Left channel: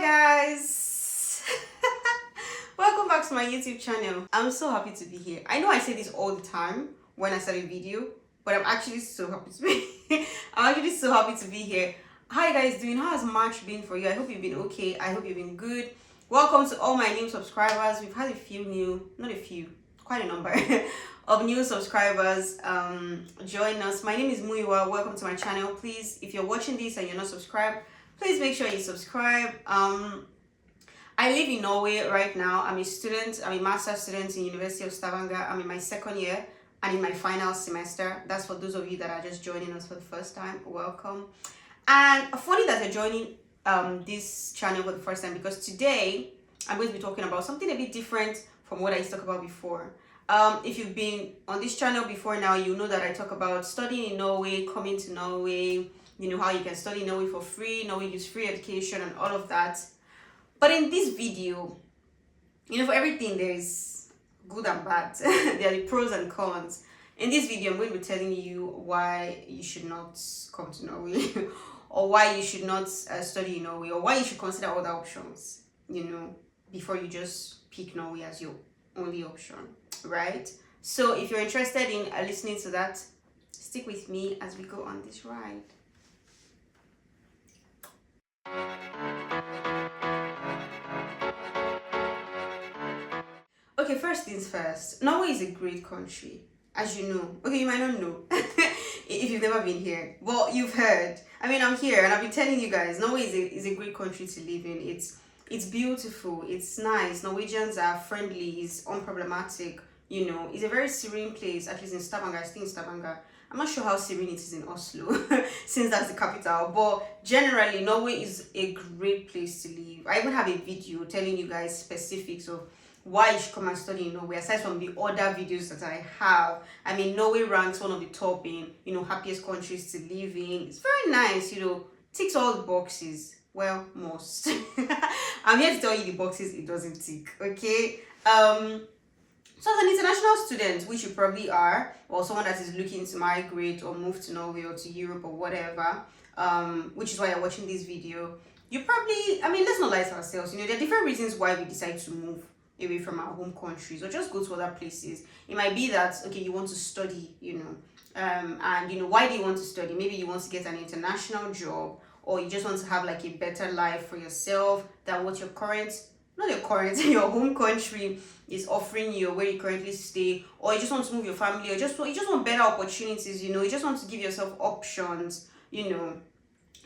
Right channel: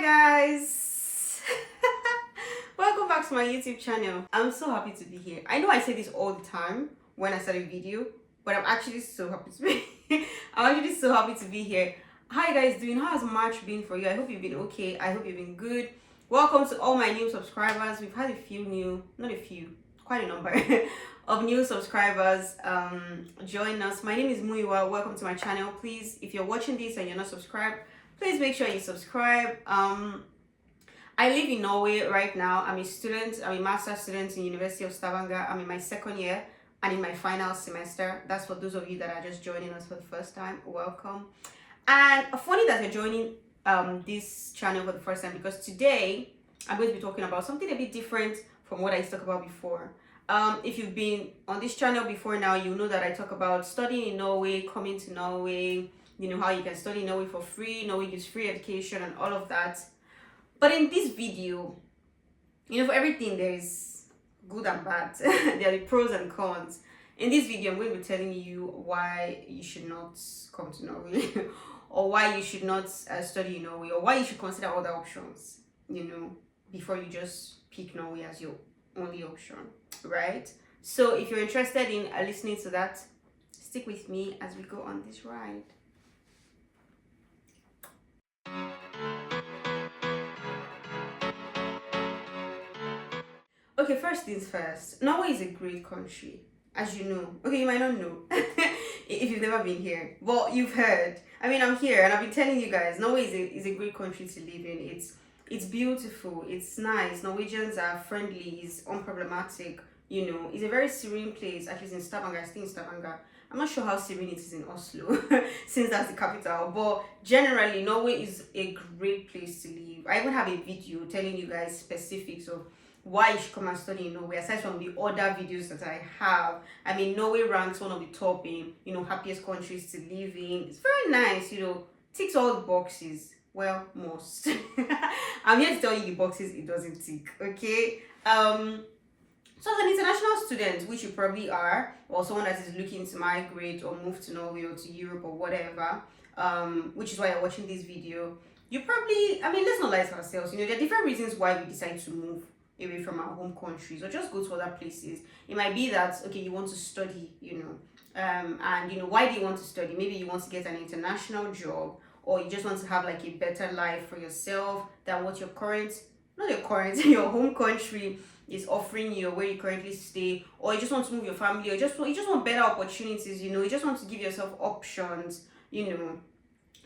Hi guys. Welcome back to my YouTube channel. I'm so happy to be here. I know I say this all the time when I start a video, but I'm actually so happy to be I'm actually so happy to be here. How you guys doing? How has March been for you? I hope you've been okay. I hope you've been good. Welcome to all my new subscribers. We've had a few new, not a few, quite a number of new subscribers join us. My name is Muyiwa. Welcome to my channel. Please, if you're watching this and you're not subscribed, please make sure you subscribe. I live in Norway right now. I'm a student. I'm a master's student in University of Stavanger. I'm in my second year and in my final semester. That's for those of you that are just joining us for the first time. Welcome. And funny that you're joining this channel for the first time, because today I'm going to be talking about something a bit different from what I used to talk about before. If you've been on this channel before now, you know that I talk about studying in Norway, coming to Norway, you know, how you can study in Norway for free, Norway gives free education and all of that. But in this video, you know, for everything there's good and bad. There are the pros and cons. In this video, I'm going to be telling you why you should not come to Norway or why you should not study in Norway, or why you should consider other options, you know, before you just pick Norway as your only option, right? So if you're interested in listening to that, stick with me as we go on this ride. Okay, first things first. Norway is a great country, as you know. Okay, you might not know if you've never been here, but you've heard. I mean, I'm here and I've been telling you guys, Norway is a great country to live in. It's beautiful, it's nice. Norwegians are friendly, it's unproblematic. You know, it's a very serene place. At least in Stavanger, I stay in Stavanger. I'm not sure how serene it is in Oslo, since that's the capital, but generally Norway is a great place to live. I even have a video telling you guys specifics of why you should come and study in Norway, aside from the other videos that I have. I mean, Norway ranks one of the top in, you know, happiest countries to live in. It's very nice, you know, ticks all the boxes. Well, most. I'm here to tell you the boxes it doesn't tick, okay? So as an international student, which you probably are, or someone that is looking to migrate or move to Norway or to Europe or whatever, which is why you're watching this video, you probably, I mean, let's not lie to ourselves, you know, there are different reasons why we decide to move away from our home countries or just go to other places. It might be that, okay, you want to study, you know, and you know, why do you want to study? Maybe you want to get an international job, or you just want to have like a better life for yourself than what your current, not your current, your home country is offering you, or where you currently stay, or you just want to move your family, or you just want better opportunities, you know, you just want to give yourself options, you know.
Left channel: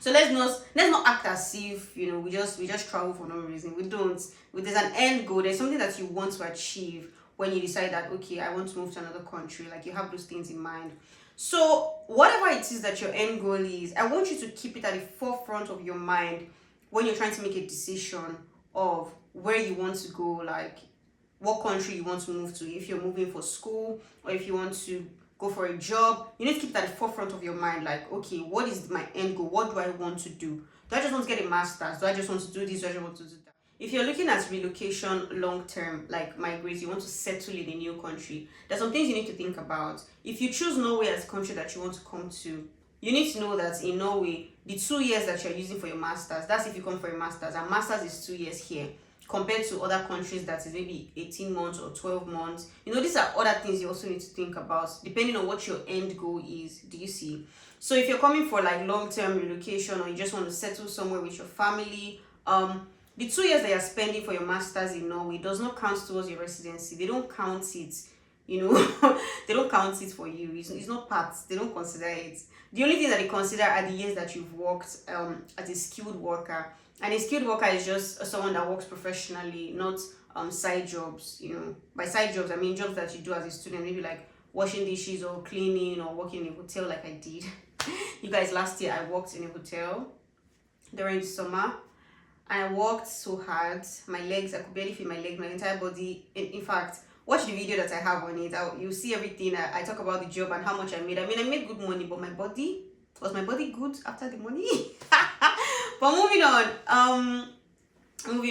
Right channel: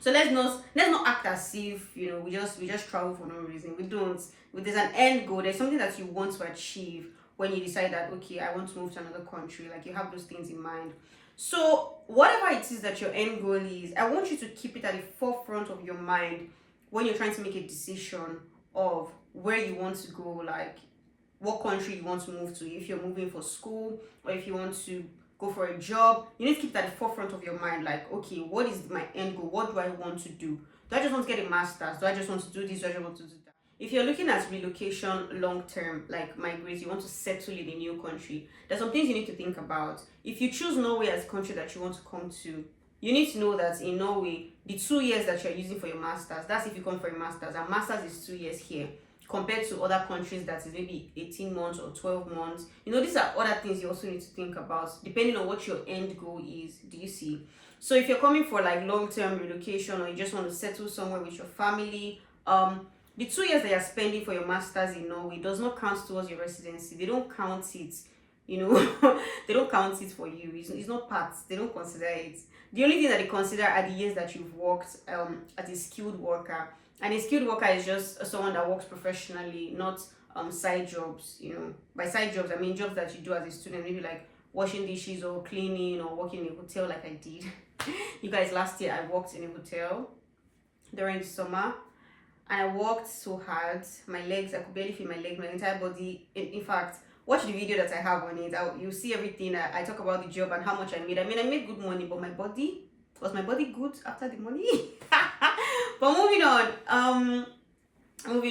So let's not act as if, you know, we just travel for no reason. We don't. There's an end goal. There's something that you want to achieve when you decide that, okay, I want to move to another country. Like, you have those things in mind. So whatever it is that your end goal is, I want you to keep it at the forefront of your mind when you're trying to make a decision of where you want to go, like what country you want to move to. If you're moving for school, or if you want to go for a job, you need to keep that at the forefront of your mind. Like, okay, what is my end goal? What do I want to do? Do I just want to get a master's? Do I just want to do this? Do I just want to do that? If you're looking at relocation long term, like migrate, you want to settle in a new country, there's some things you need to think about. If you choose Norway as a country that you want to come to, you need to know that in Norway, the 2 years that you're using for your master's, that's if you come for a master's, and master's is 2 years here, compared to other countries that is maybe 18 months or 12 months. You know, these are other things you also need to think about, depending on what your end goal is. Do you see? So if you're coming for like long-term relocation, or you just want to settle somewhere with your family, the 2 years that you're spending for your master's in Norway does not count towards your residency. They don't count it, you know. They don't count it for you. It's not part. They don't consider it. The only thing that they consider are the years that you've worked as a skilled worker. And a skilled worker is just someone that works professionally, not side jobs. You know, by side jobs, I mean jobs that you do as a student, maybe like washing dishes or cleaning or working in a hotel, like I did. You guys, last year I worked in a hotel during the summer, and I worked so hard. My legs, I could barely feel my legs, my entire body. In fact, watch the video that I have on it. You'll see everything. I talk about the job and how much I made. I mean, I made good money, but was my body good after the money? But moving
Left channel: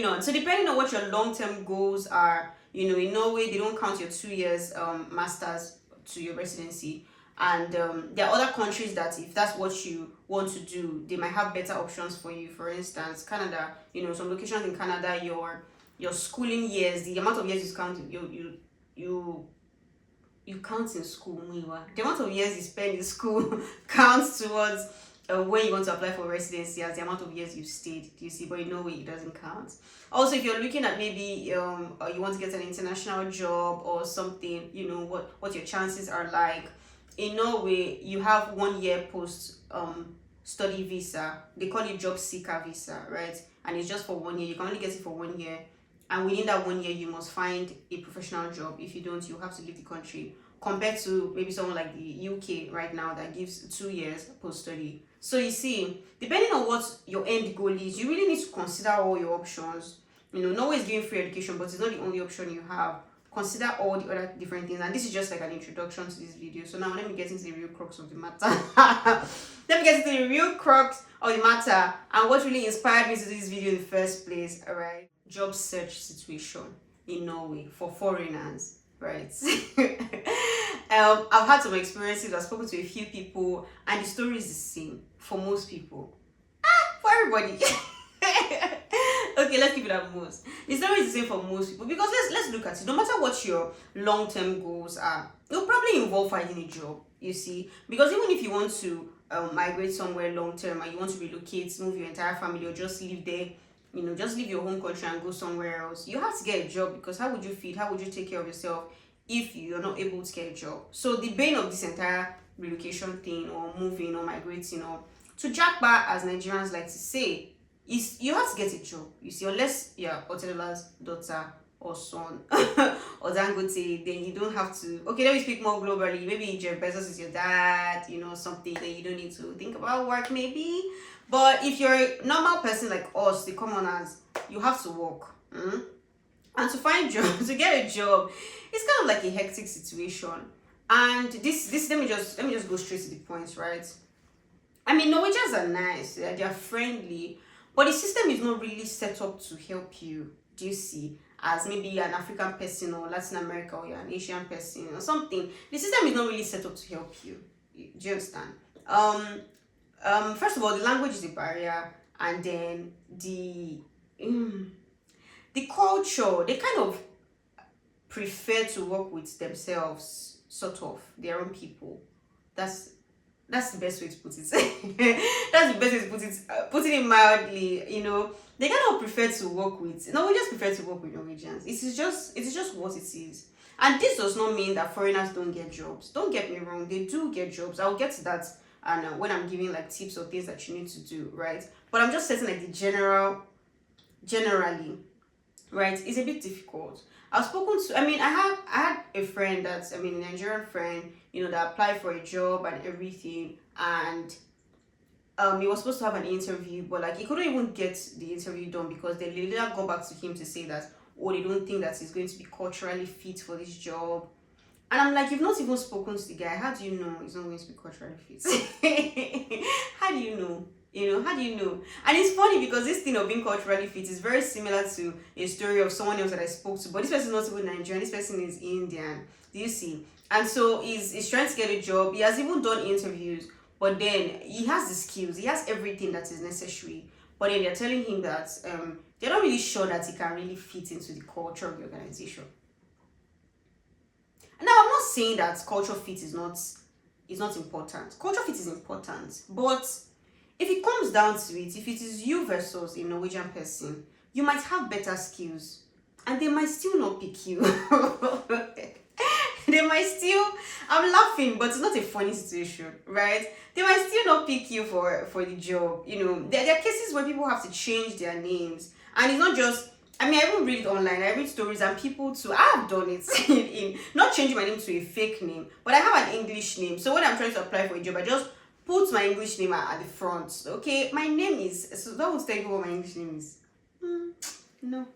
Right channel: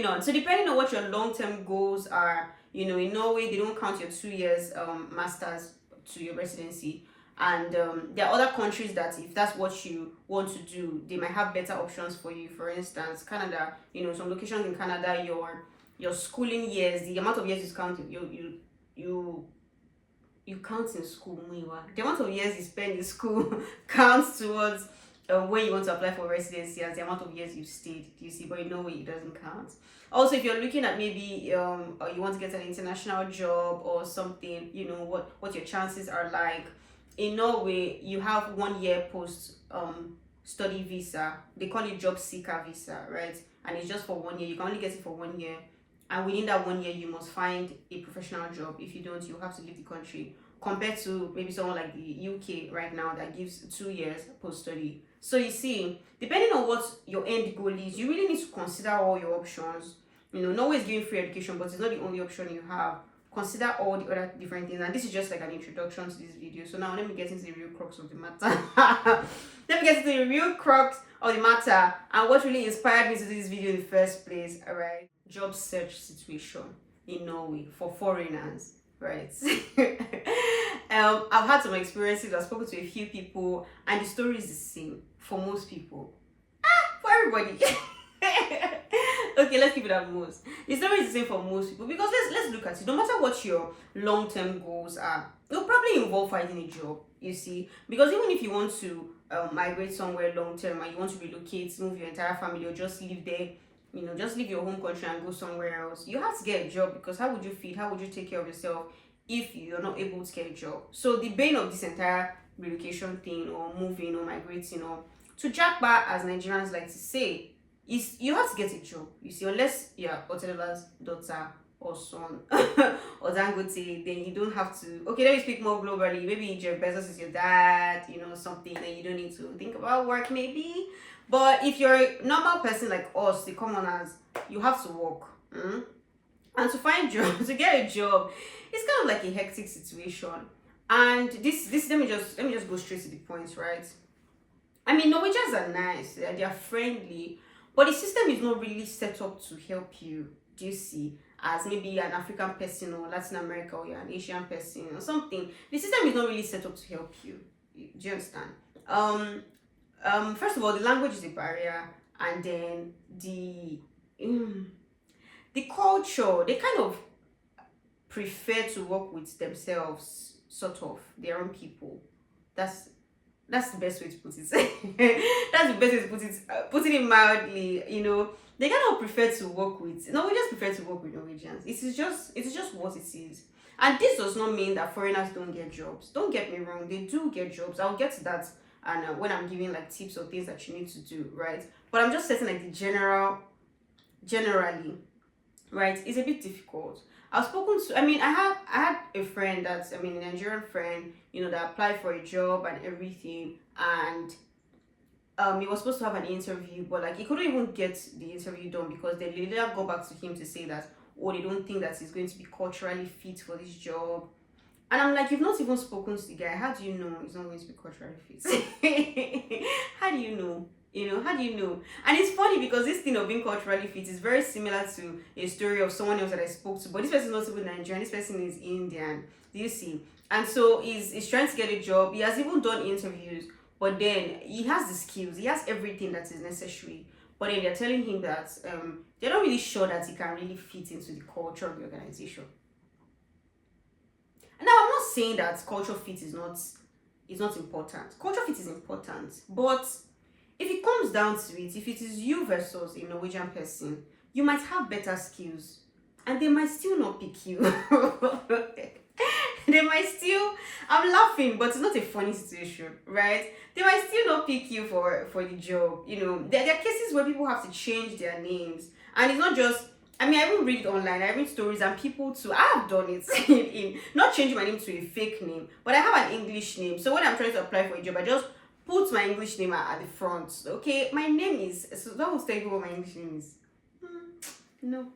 on. So depending on what your long-term goals are, you know, in Norway, they don't count your 2 years master's to your residency. And there are other countries that if that's what you want to do, they might have better options for you. For instance, Canada, some locations in Canada, your schooling years, the amount of years you count, you you count in school, Muiwa. The amount of years you spend in school counts towards when you want to apply for residency as the amount of years you've stayed. Do you see? But in Norway, it doesn't count. Also, if you're looking at maybe you want to get an international job or something, what your chances are like. In Norway, you have 1 year post study visa. They call it job seeker visa, right? And it's just for 1 year. You can only get it for 1 year. And within that 1 year, you must find a professional job. If you don't, you have to leave the country. Compared to maybe someone like the UK right now that gives 2 years post-study. So you see, depending on what your end goal is, you really need to consider all your options. Norway is giving free education, but it's not the only option you have. Consider all the other different things. And this is just like an introduction to this video. So now let me get into the real crux of the matter. Let me get into the real crux of the matter and what really inspired me to do this video in the first place. All right. Job search situation in Norway for foreigners, right? I've had some experiences. I've spoken to a few people, and the story is the same for most people. For everybody. Okay, let's keep it at most. The story is the same for most people because let's look at it. No matter what your long-term goals are, it'll probably involve finding a job. You see, because even if you want to migrate somewhere long-term and you want to relocate, move your entire family, or just live there. Just leave your home country and go somewhere else. You have to get a job because how would you feed? How would you take care of yourself if you're not able to get a job? So the bane of this entire relocation thing or moving or migrating or to Jackpot, as Nigerians like to say, is you have to get a job. You see, unless you're Oteleba's daughter or son or Dangote, then you don't have to. Okay, let me speak more globally. Maybe Jeff Bezos is your dad, something that you don't need to think about work maybe. But if you're a normal person like us, the commoners, you have to work. And to find job, to get a job, it's kind of like a hectic situation. And this let me just go straight to the point, right? I mean, Norwegians are nice, they are friendly, but the system is not really set up to help you. Do you see? As maybe an African person or Latin America, or you're an Asian person or something, the system is not really set up to help you. Do you understand? First of all, the language is a barrier, and then the culture, they kind of prefer to work with themselves, sort of their own people. That's the best way to put it. That's the best way to put it. Putting it mildly, they kind of prefer to work with. Norwegians prefer to work with Norwegians. It is just what it is. And this does not mean that foreigners don't get jobs. Don't get me wrong, they do get jobs. I'll get to that. And when I'm giving like tips or things that you need to do, right? But I'm just setting like the generally, right? It's a bit difficult. I've spoken to, I had a friend that's, a Nigerian friend, that applied for a job and everything. And he was supposed to have an interview, but like he couldn't even get the interview done because they later got back to him to say that, oh, they don't think that he's going to be culturally fit for this job. And I'm like, you've not even spoken to the guy. How do you know he's not going to be culturally fit? How do you know? How do you know? And it's funny because this thing of being culturally fit is very similar to a story of someone else that I spoke to. But this person is not even Nigerian. This person is Indian. Do you see? And so he's trying to get a job. He has even done interviews. But then he has the skills. He has everything that is necessary. But then they're telling him that they're not really sure that he can really fit into the culture of the organization. Now, I'm not saying that culture fit is not important. Culture fit is important, but if it comes down to it, if it is you versus a Norwegian person, you might have better skills, and they might still not pick you. They might still. I'm laughing, but it's not a funny situation, right? They might still not pick you for the job. There are cases where people have to change their names, and it's not just. I even read it online. I read stories and people too. I have done it in not changing my name to a fake name, but I have an English name. So when I'm trying to apply for a job, I just put my English name at the front. Okay, my name is. So that will tell you what my English name is. No.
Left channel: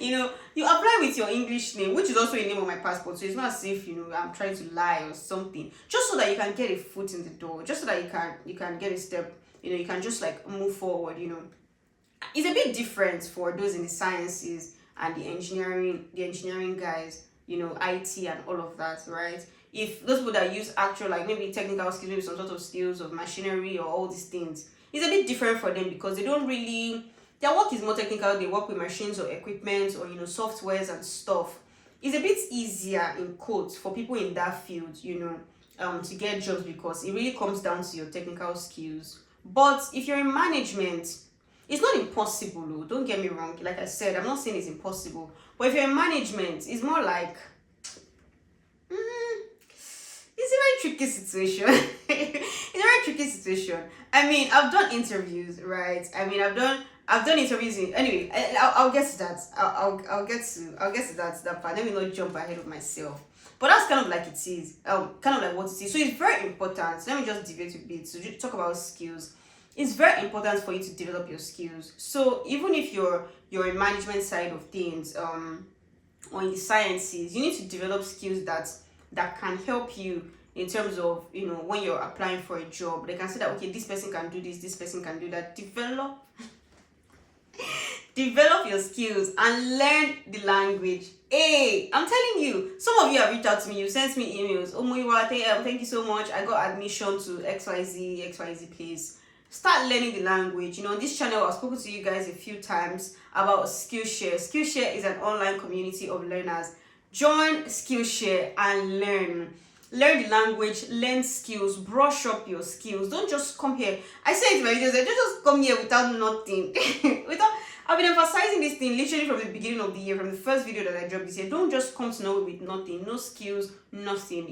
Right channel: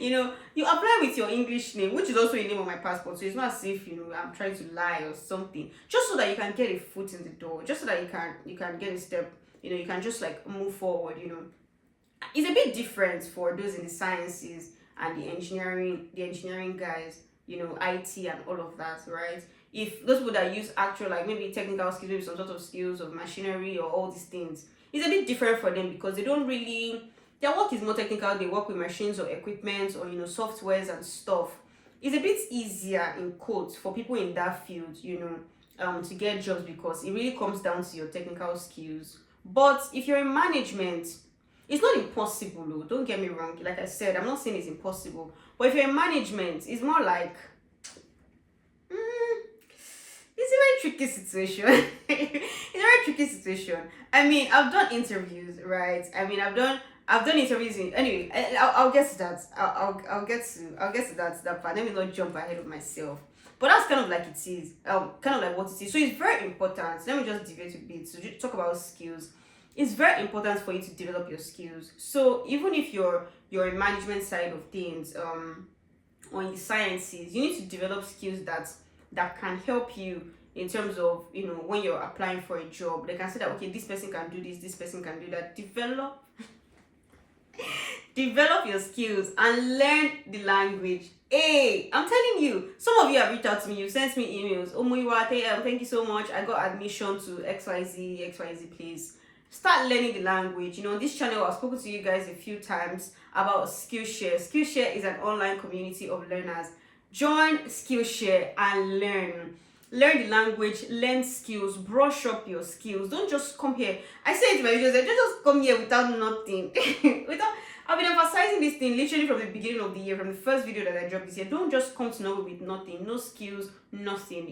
You apply with your English name, which is also a name on my passport. So it's not as if I'm trying to lie or something. Just so that you can get a foot in the door. Just so that you can get a step. You can just like move forward. It's a bit different for those in the sciences and the engineering guys, IT and all of that, right? if those people that use actual, like maybe technical skills, maybe some sort of skills of machinery or all these things, it's a bit different for them because they don't really, their work is more technical. They work with machines or equipment or softwares and stuff. It's a bit easier in quotes for people in that field, to get jobs because it really comes down to your technical skills. But if you're in management, it's not impossible, though. Don't get me wrong. Like I said, I'm not saying it's impossible. But if you're in management, it's more like it's a very tricky situation. It's a very tricky situation. I mean, I've done interviews, right? I mean, I've done interviews in, anyway. I'll get to that. I'll get to that part. Let me not jump ahead of myself. But that's kind of like it is. Kind of like what it is. So it's very important. Let me just deviate a bit. So just talk about skills. It's very important for you to develop your skills. So even if you're in management side of things, or in the sciences, you need to develop skills that can help you in terms of when you're applying for a job. They can say that, okay, this person can do this person can do that. Develop your skills and learn the language. Hey, I'm telling you, some of you have reached out to me, you sent me emails. Oh Muyiwa, thank you so much, I got admission to XYZ place. Start learning the language. On this channel, I've spoken to you guys a few times about Skillshare. Skillshare is an online community of learners. Join Skillshare and learn the language, learn skills, brush up your skills. Don't just come here. I say it to my videos, don't just come here without nothing. I've been emphasizing this thing literally from the beginning of the year, from the first video that I dropped this year. Don't just come to Norway with nothing, no skills, nothing.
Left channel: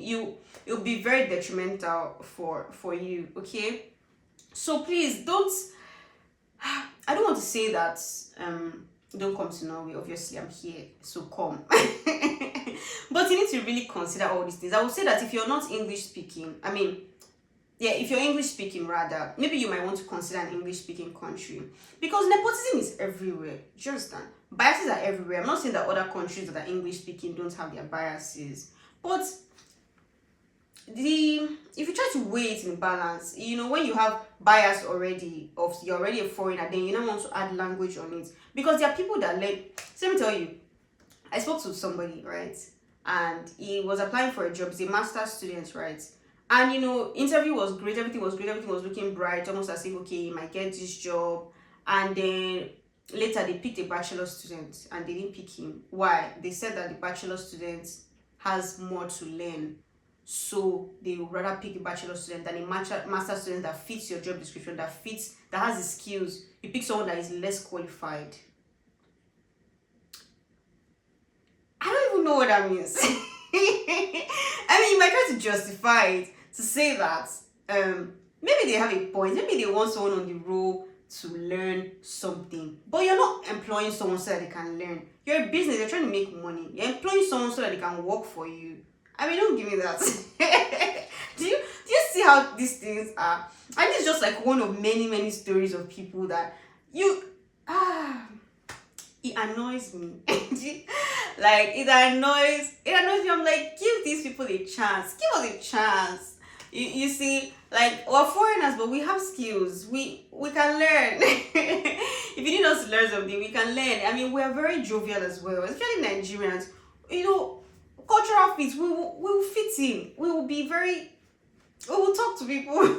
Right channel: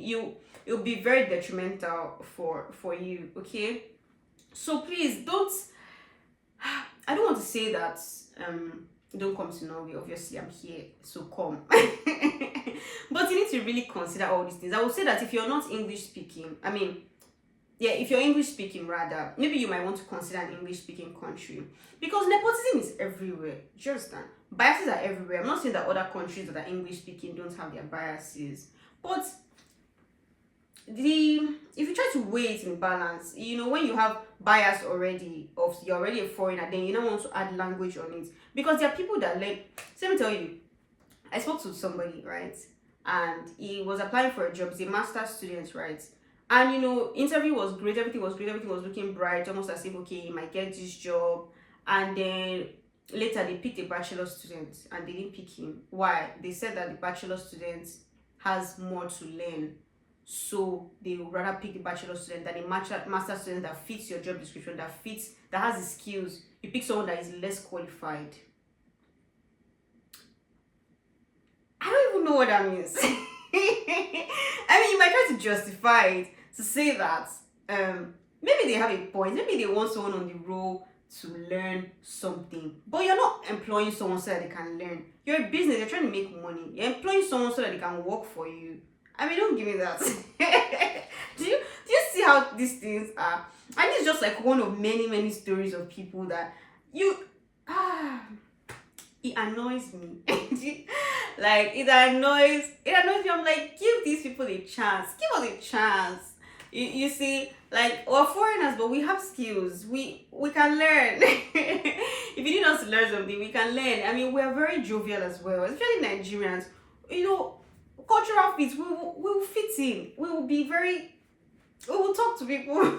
It'll be very detrimental for you, okay? So please don't, I don't want to say that don't come to Norway. Obviously I'm here, so come. But you need to really consider all these things. I would say that if you're not English speaking, if you're English speaking rather, maybe you might want to consider an English speaking country, because nepotism is everywhere. Do you understand? Biases are everywhere. I'm not saying that other countries that are English speaking don't have their biases, but if you try to weigh it in balance, when you have bias already, of you're already a foreigner, then you don't want to add language on it, because there are people that learn. So let me tell you, I spoke to somebody, right, and he was applying for a job. He's a master's student, right, and interview was great, everything was looking bright, almost as if, okay, he might get this job. And then later they picked a bachelor student and they didn't pick him. Why? They said that the bachelor student has more to learn, so they would rather pick a bachelor student than a master student that fits your job description, that has the skills. You pick someone that is less qualified. I don't even know what that means. I mean, you might try to justify it to say that maybe they have a point, maybe they want someone on the roll to learn something, but you're not employing someone so that they can learn. You're a business, you're trying to make money. You're employing someone so that they can work for you. I mean, don't give me that. do you see how these things are? And it's just like one of many stories of people that it annoys me. Like it annoys me. I'm like, give these people a chance. Give us a chance. You see, like, we're foreigners, but we have skills. We can learn. If you need us to learn something, we can learn. I mean, we're very jovial as well, especially Nigerians. Cultural fit, we will fit in. We will talk to people.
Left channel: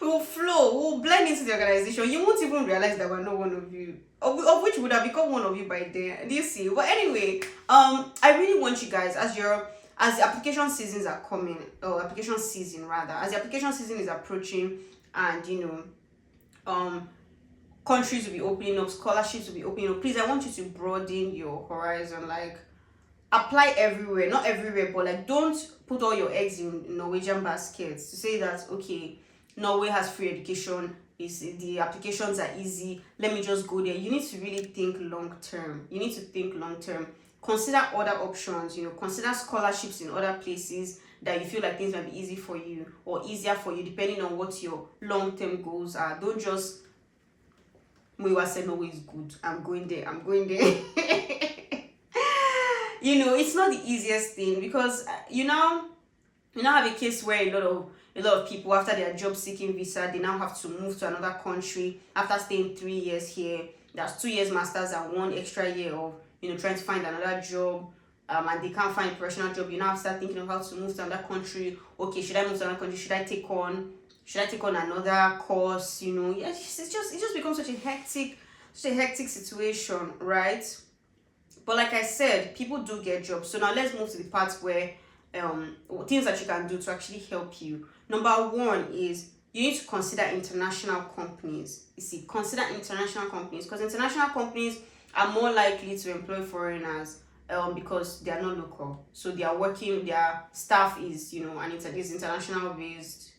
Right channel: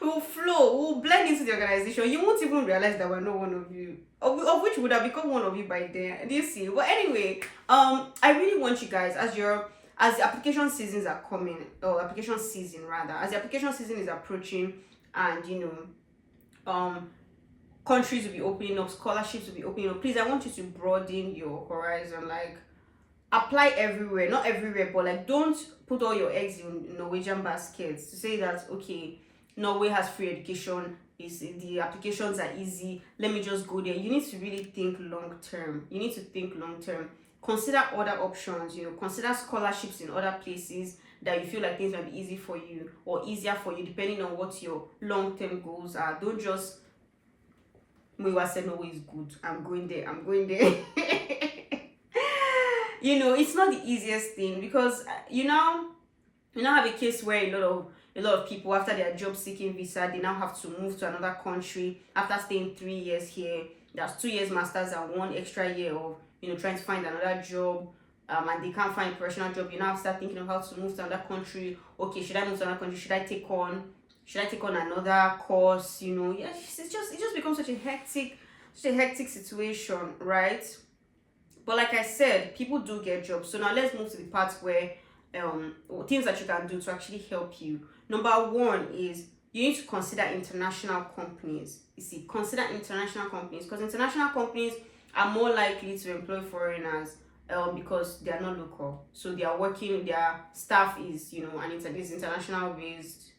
We will flow. We will blend into the organization. You won't even realize that we're not one of you. Of which would have become one of you by then. Do you see? But anyway, I really want you guys, as the application seasons are coming, or application season rather, as the application season is approaching, and countries will be opening up, scholarships will be opening up, please, I want you to broaden your horizon. Like, apply everywhere, not everywhere, but like, don't put all your eggs in Norwegian baskets to say that, okay, Norway has free education, the applications are easy, let me just go there. You need to really think long term. Consider other options, consider scholarships in other places that you feel like things might be easy for you or easier for you, depending on what your long-term goals are. Don't just, Muyiwa said Norway is good, I'm going there. It's not the easiest thing, because you now have a case where a lot of people, after their job seeking visa, they now have to move to another country after staying 3 years here. That's 2 years masters and 1 extra year of trying to find another job. and they can't find a professional job, you now start thinking of how to move to another country. Okay, should I move to another country? Should I take on another course? Yeah, it just becomes such a hectic situation, right? But like I said, people do get jobs. So now let's move to the part where things that you can do to actually help you. Number one is you need to consider international companies. You see, consider international companies, because international companies are more likely to employ foreigners because they are not local. So they are working, their staff is, and this international based.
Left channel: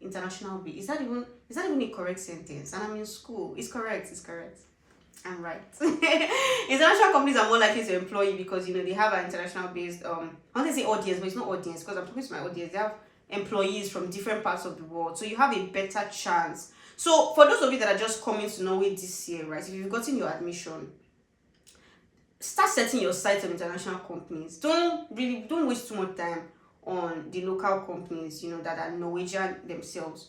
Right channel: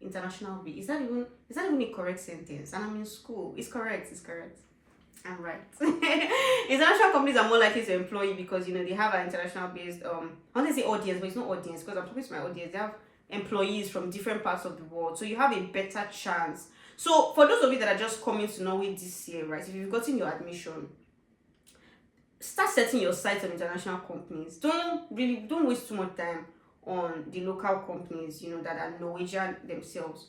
International based. Is that even a correct sentence? And I'm in school. It's correct. I'm right. International companies are more likely to employ you because they have an international based I want to say audience, but it's not audience because I'm talking to my audience. They have employees from different parts of the world, so you have a better chance. So for those of you that are just coming to Norway this year, right, if you've gotten your admission, start setting your sights on international companies. Don't waste too much time on the local companies that are Norwegian themselves.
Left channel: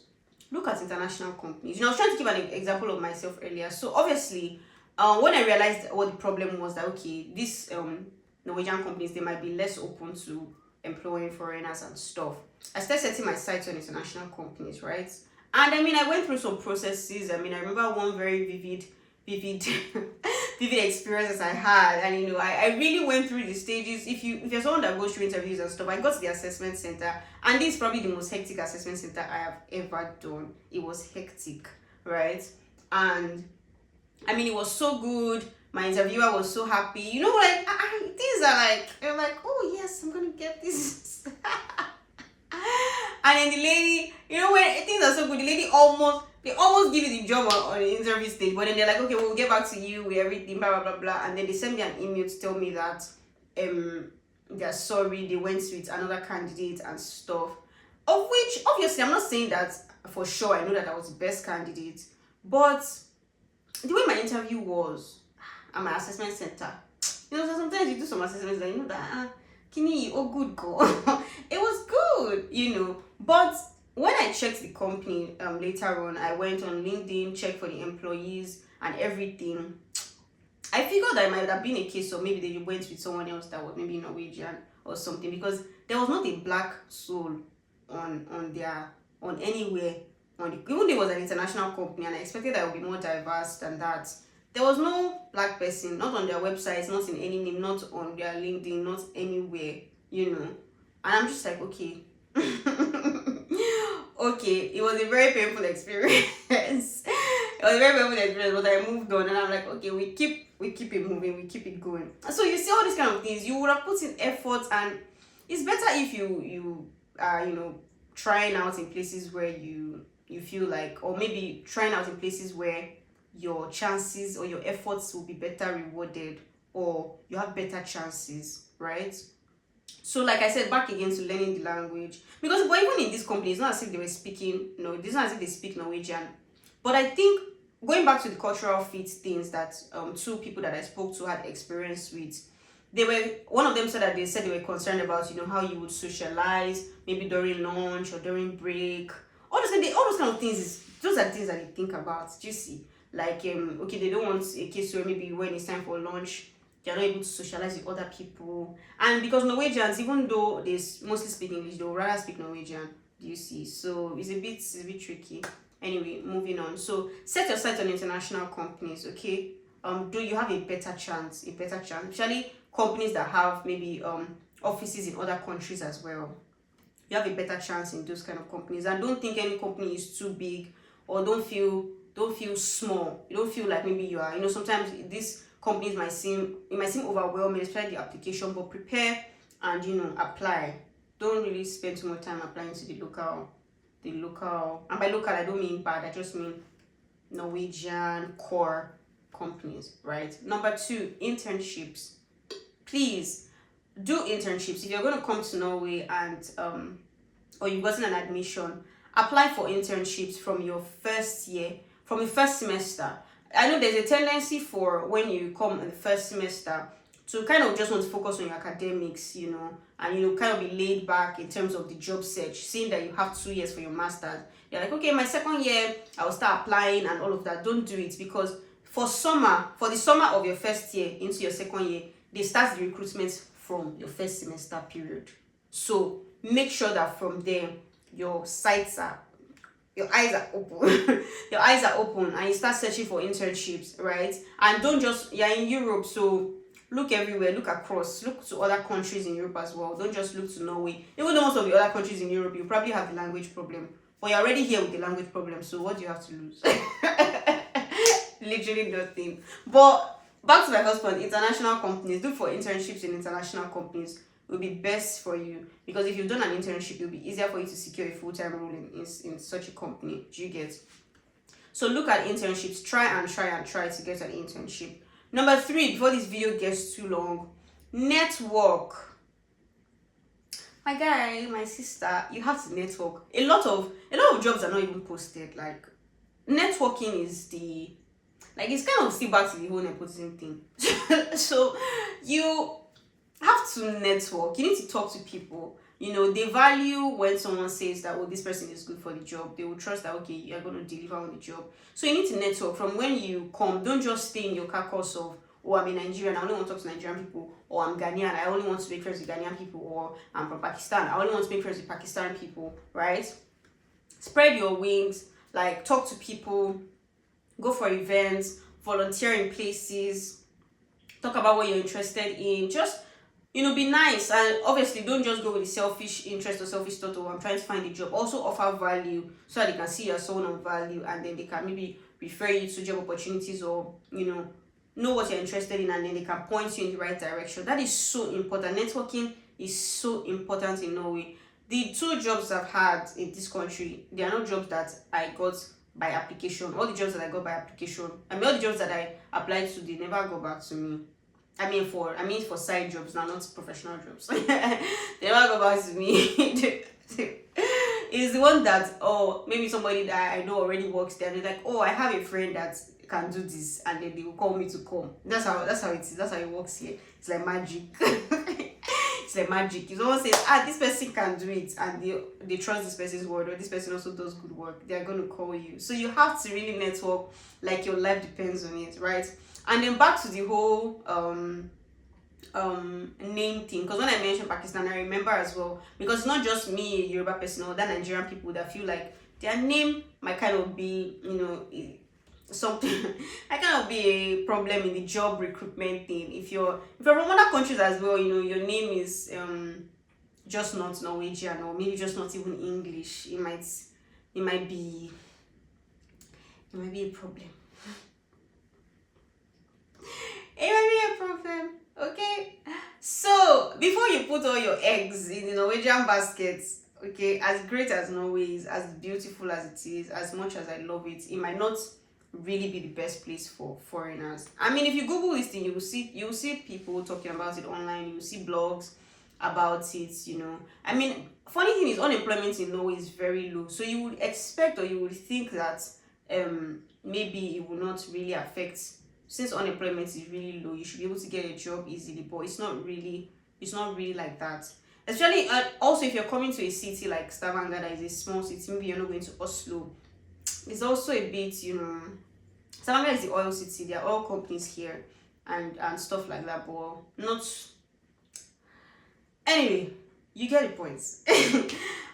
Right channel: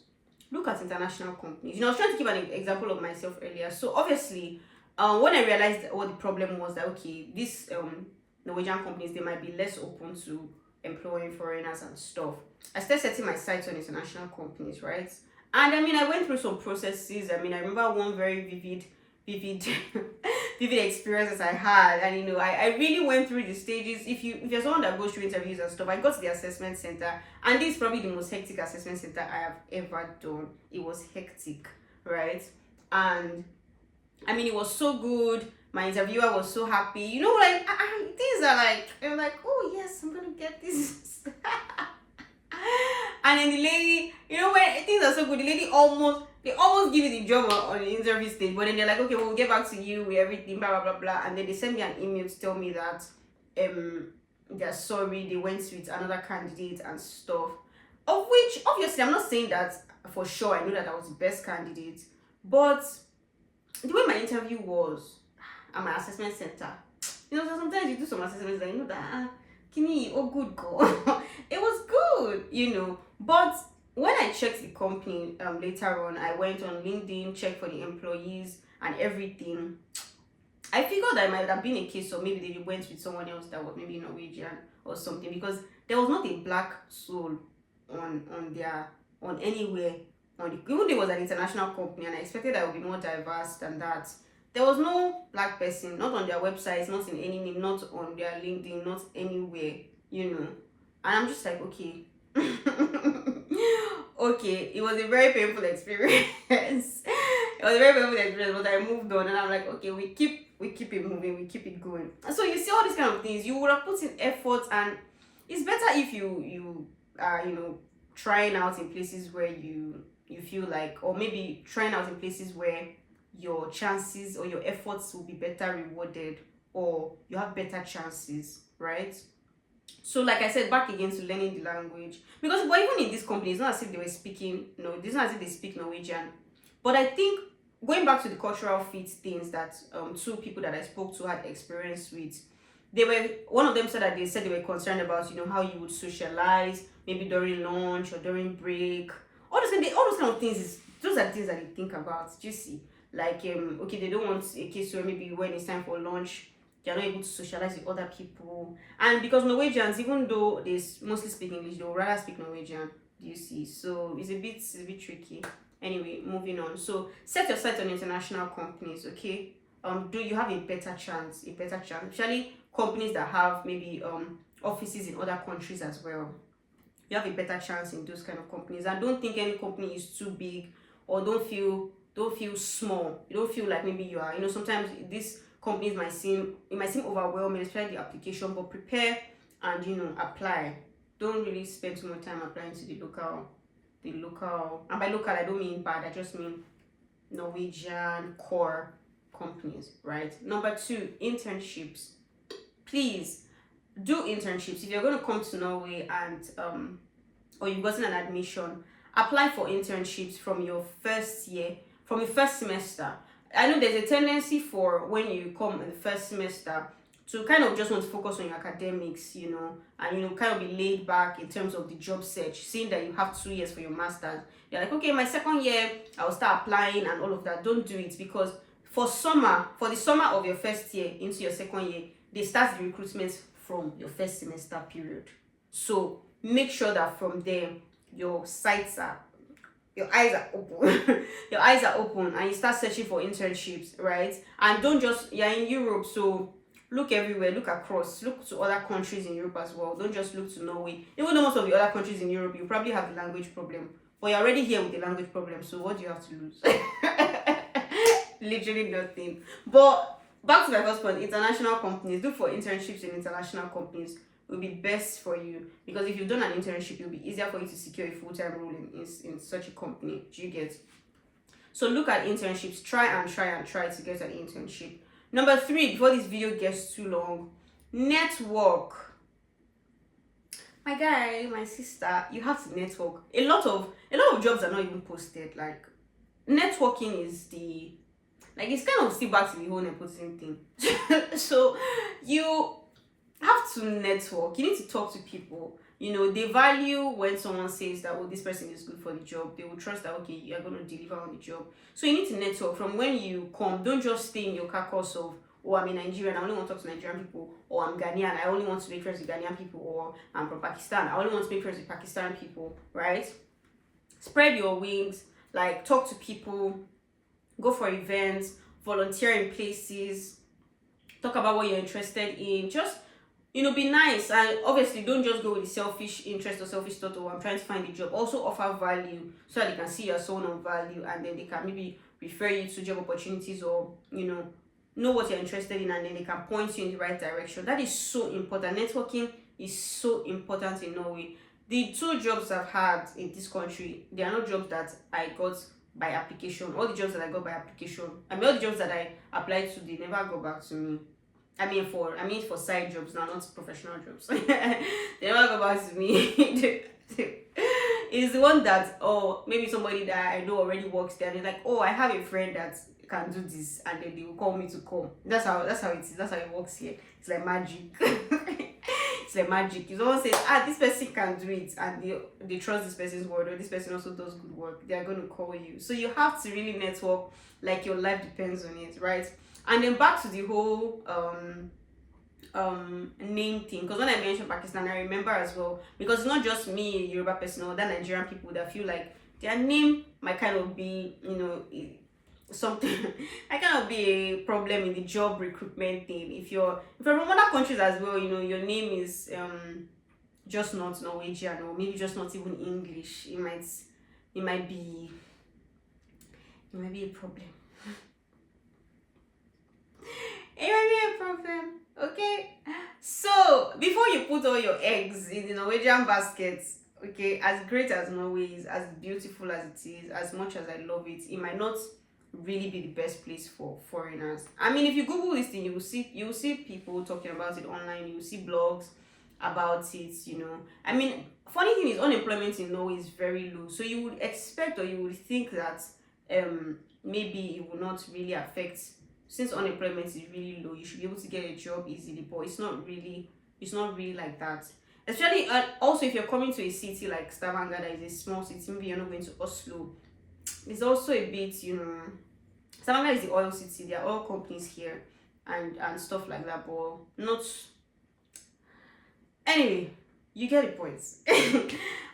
Look at international companies. I was trying to give an example of myself earlier. So obviously when I realized what the problem was, that okay, these Norwegian companies, they might be less open to employing foreigners and stuff, I started setting my sights on international companies, right? And I went through some processes. I remember one very vivid vivid experiences I had, and I really went through the stages. If you're someone that goes through interviews and stuff, I got to the assessment center, and this is probably the most hectic assessment center I have ever done. It was hectic, right? And it was so good. My interviewer was so happy. Things are like, you're like, oh yes, I'm gonna get this. And then the lady, when things are so good, the lady almost give you the job on the interview stage, but then they're like, okay, we'll get back to you with everything, blah blah blah blah. And then they send me an email to tell me that they're sorry, they went with another candidate and stuff. Of which obviously I'm not saying that for sure. I know that I was the best candidate, but the way my interview was at my assessment center, so sometimes you do some assessments and that Kini, oh good girl. It was good, but when I checked the company later on, I went on LinkedIn, checked for the employees and everything. I figured that it might have been a case of maybe they went with someone else that was maybe Norwegian or something, because there was not a black soul on anywhere even though it was an international company and I expected that it would be more diverse than that. There was no black person, not on their websites, not in any name, not on their LinkedIn, not anywhere, And I'm just like, okay. Okay, it was a very painful experience. But I moved on and I'm like, okay, we keep it moving, we keep it going. So you see all these kind of things, you would have put in effort, and it's better if you are, trying out in places where you feel like, or maybe trying out in places where your chances or your efforts will be better rewarded, or you have better chances, right? So like I said, back again to learning the language, because but even in this company, it's not as if they were speaking, it's not as if they speak Norwegian. But I think going back to the cultural fit things that two people that I spoke to had experience with, one of them said that they were concerned about how you would socialize, maybe during lunch or during break. All those kind of things, those are the things that they think about. Do you see? Like okay, they don't want a case where maybe when it's time for lunch, they're not able to socialize with other people. And because Norwegians, even though they mostly speak English, they'll rather speak Norwegian. Do you see? So it's a bit tricky. Anyway, moving on. So set your sights on international companies, okay? Do you have a better chance, especially companies that have maybe offices in other countries as well. You have a better chance in those kind of companies. And don't think any company is too big, or don't feel small. You don't feel like maybe you are, sometimes these companies might seem overwhelming, especially the application, but prepare and apply. Don't really spend too much time applying to the local, and by local I don't mean bad, I just mean Norwegian core companies, right? Number 2, internships. Please do internships. If you're going to come to Norway and or you've gotten an admission, apply for internships from your first year, from your first semester. I know there's a tendency for when you come in the first semester to kind of just want to focus on your academics, and kind of be laid back in terms of the job search, seeing that you have 2 years for your master's. You're like, okay, my second year I will start applying and all of that. Don't do it, because for the summer of your first year into your second year, they start the recruitment from your first semester period. So make sure that from there your eyes are open. Your eyes are open and you start searching for internships, right? And don't just, you're in Europe, so look everywhere, look across, look to other countries in Europe as well. Don't just look to Norway. Even though most of the other countries in Europe, you probably have the language problem, but you're already here with the language problem, so what do you have to lose? Literally nothing. But back to my first point, international companies. Look for internships in international companies. Will be best for you, because if you've done an internship, it'll be easier for you to secure a full-time role in such a company. Do you get? So look at internships. Try to get an internship. Number 3, before this video gets too long, network. My guy, my sister, you have to network. A lot of jobs are not even posted. Like, networking is the, like, it's kind of still back to the whole nepotism thing. So you have to network. You need to talk to people. You know, they value when someone says that, oh, this person is good for the job. They will trust that, okay, you're going to deliver on the job. So you need to network. From when you come, don't just stay in your carcass of, oh, I'm a Nigerian, I only want to talk to Nigerian people, or I'm Ghanaian, I only want to make friends with Ghanaian people, or I'm from Pakistan, I only want to make friends with Pakistan people, right? Spread your wings, like, talk to people, go for events, volunteer in places, talk about what you're interested in, just, you know, be nice. And obviously don't just go with the selfish interest or selfish thought, oh, I'm trying to find a job. Also offer value so that they can see you're someone of value, and then they can maybe refer you to job opportunities, or, you know what you're interested in, and then they can point you in the right direction. That is so important. Networking is so important in Norway. The 2 jobs I've had in this country, they are not jobs that I got by application. All the jobs that I got by application, all the jobs that I applied to, they never go back to me. I mean for side jobs now, not professional jobs. They never go back to me. It's the one that, oh, maybe somebody that I know already works there, and they're like, oh, I have a friend that can do this, and then they will call me to come. That's how it is. That's how it works here. It's like magic. It's like magic. If someone says, this person can do it, and they trust this person's word, or this person also does good work, they are going to call you. So you have to really network like your life depends on it, right? And then back to the whole name thing, because when I mentioned Pakistan, I remember as well, because it's not just me, Yoruba person, or that Nigerian people that feel like their name might kind of be, you know, something I kind of be a problem in the job recruitment thing. If you're from other countries as well, you know, your name is just not Norwegian, or maybe just not even English, it might be a problem. It might be a problem. Okay, so before you put all your eggs in the Norwegian baskets, okay, as great as Norway is, as beautiful as it is, as much as I love it, it might not really be the best place for foreigners. I mean, if you Google this thing, you will see people talking about it online. You will see blogs about it, you know. I mean, funny thing is, unemployment in Norway is very low, so you would expect, or you would think that maybe it will not really affect. Since unemployment is really low, you should be able to get a job easily, but it's not really like that. Especially, also, if you're coming to a city like Stavanger, that is a small city, maybe you're not going to Oslo. It's also a bit, you know, Stavanger is the oil city. There are oil companies here and stuff like that, but not. Anyway, you get the point.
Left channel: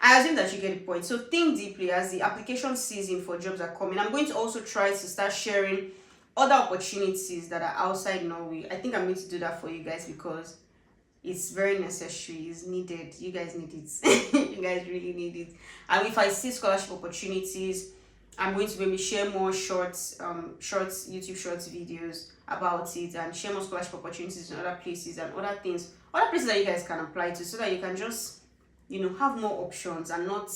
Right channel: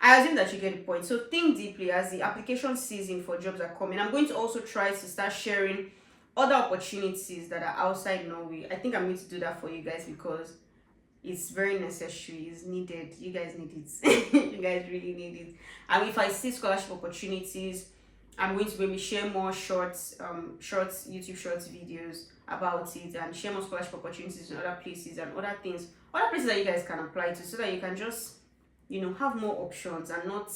I assume that you get the point. So think deeply as the application season for jobs are coming. I'm going to also try to start sharing other opportunities that are outside Norway. I think I'm going to do that for you guys, because it's very necessary. It's needed. You guys need it. You guys really need it. And if I see scholarship opportunities, I'm going to maybe share more shorts, YouTube shorts videos about it, and share more scholarship opportunities in other places and other places that you guys can apply to, so that you can just, you know, have more options and not,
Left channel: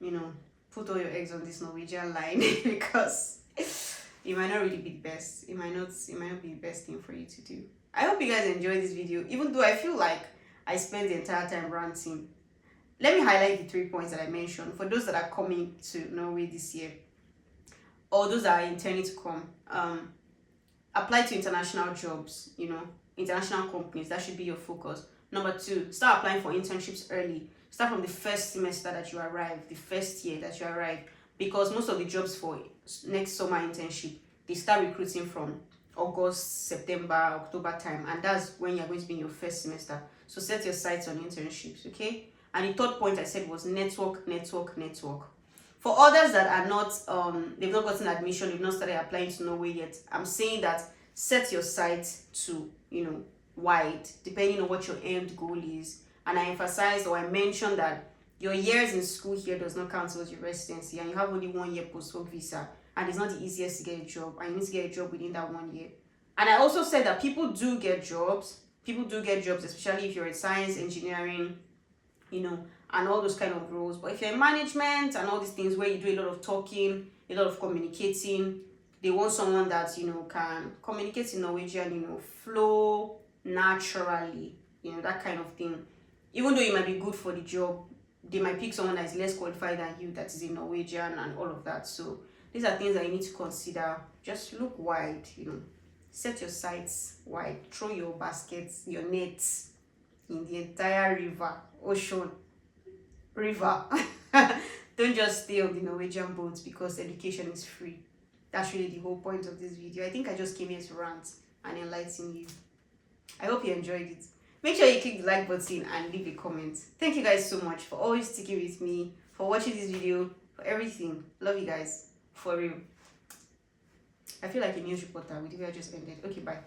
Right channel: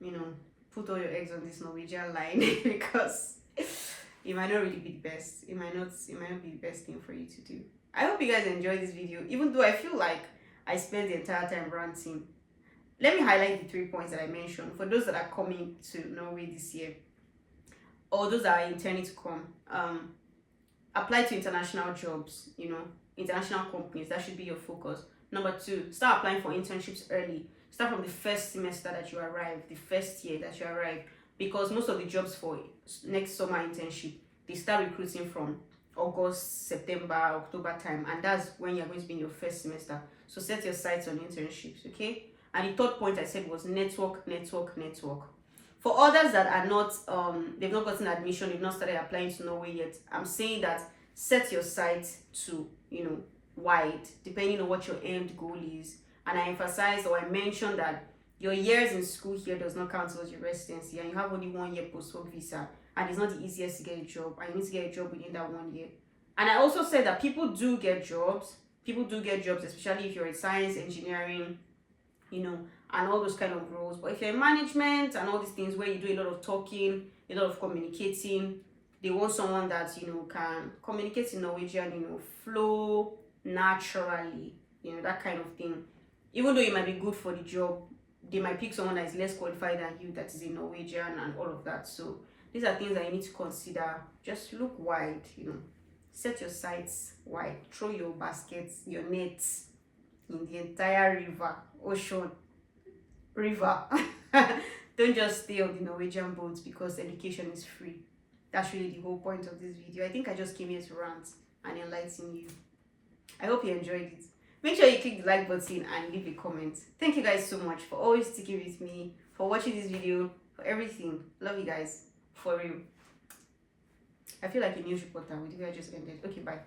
you know, put all your eggs on this Norwegian line because it might not really be the best. It might not be the best thing for you to do. I hope you guys enjoyed this video, even though I feel like I spent the entire time ranting. Let me highlight the 3 points that I mentioned for those that are coming to Norway this year, or those that are intending to come. Apply to international jobs, you know, international companies. That should be your focus. Number 2, start applying for internships early. Start from the first semester that you arrive, the first year that you arrive, because most of the jobs for next summer internship, they start recruiting from August, September, October time, and that's when you're going to be in your first semester. So set your sights on internships, okay? And the third point I said was network, network, network. For others that are not, they've not gotten admission, they've not started applying to Norway yet, I'm saying that set your sights to, wide, depending on what your end goal is. And I emphasized, or I mentioned, that your years in school here does not count towards your residency, and you have only 1 year post-work visa, and it's not the easiest to get a job, and you need to get a job within that 1 year. And I also said that people do get jobs, especially if you're in science, engineering, and all those kind of roles. But if you're in management and all these things where you do a lot of talking, a lot of communicating, they want someone that can communicate in Norwegian, flow naturally, that kind of thing. Even though you might be good for the job, they might pick someone that is less qualified than you, that is in Norwegian and all of that. So these are things that you need to consider. Just look wide, set your sights wide, throw your baskets, your nets in the entire ocean. Don't just stay on the Norwegian boats because education is free. That's really the whole point of this video. I think I just came here to rant and enlighten you. I hope you enjoyed it. Make sure you click the like button and leave a comment. Thank you guys so much for always sticking with me, for watching this video, for everything. Love you guys. For real. I feel like a news reporter with the video I just ended. Okay, bye.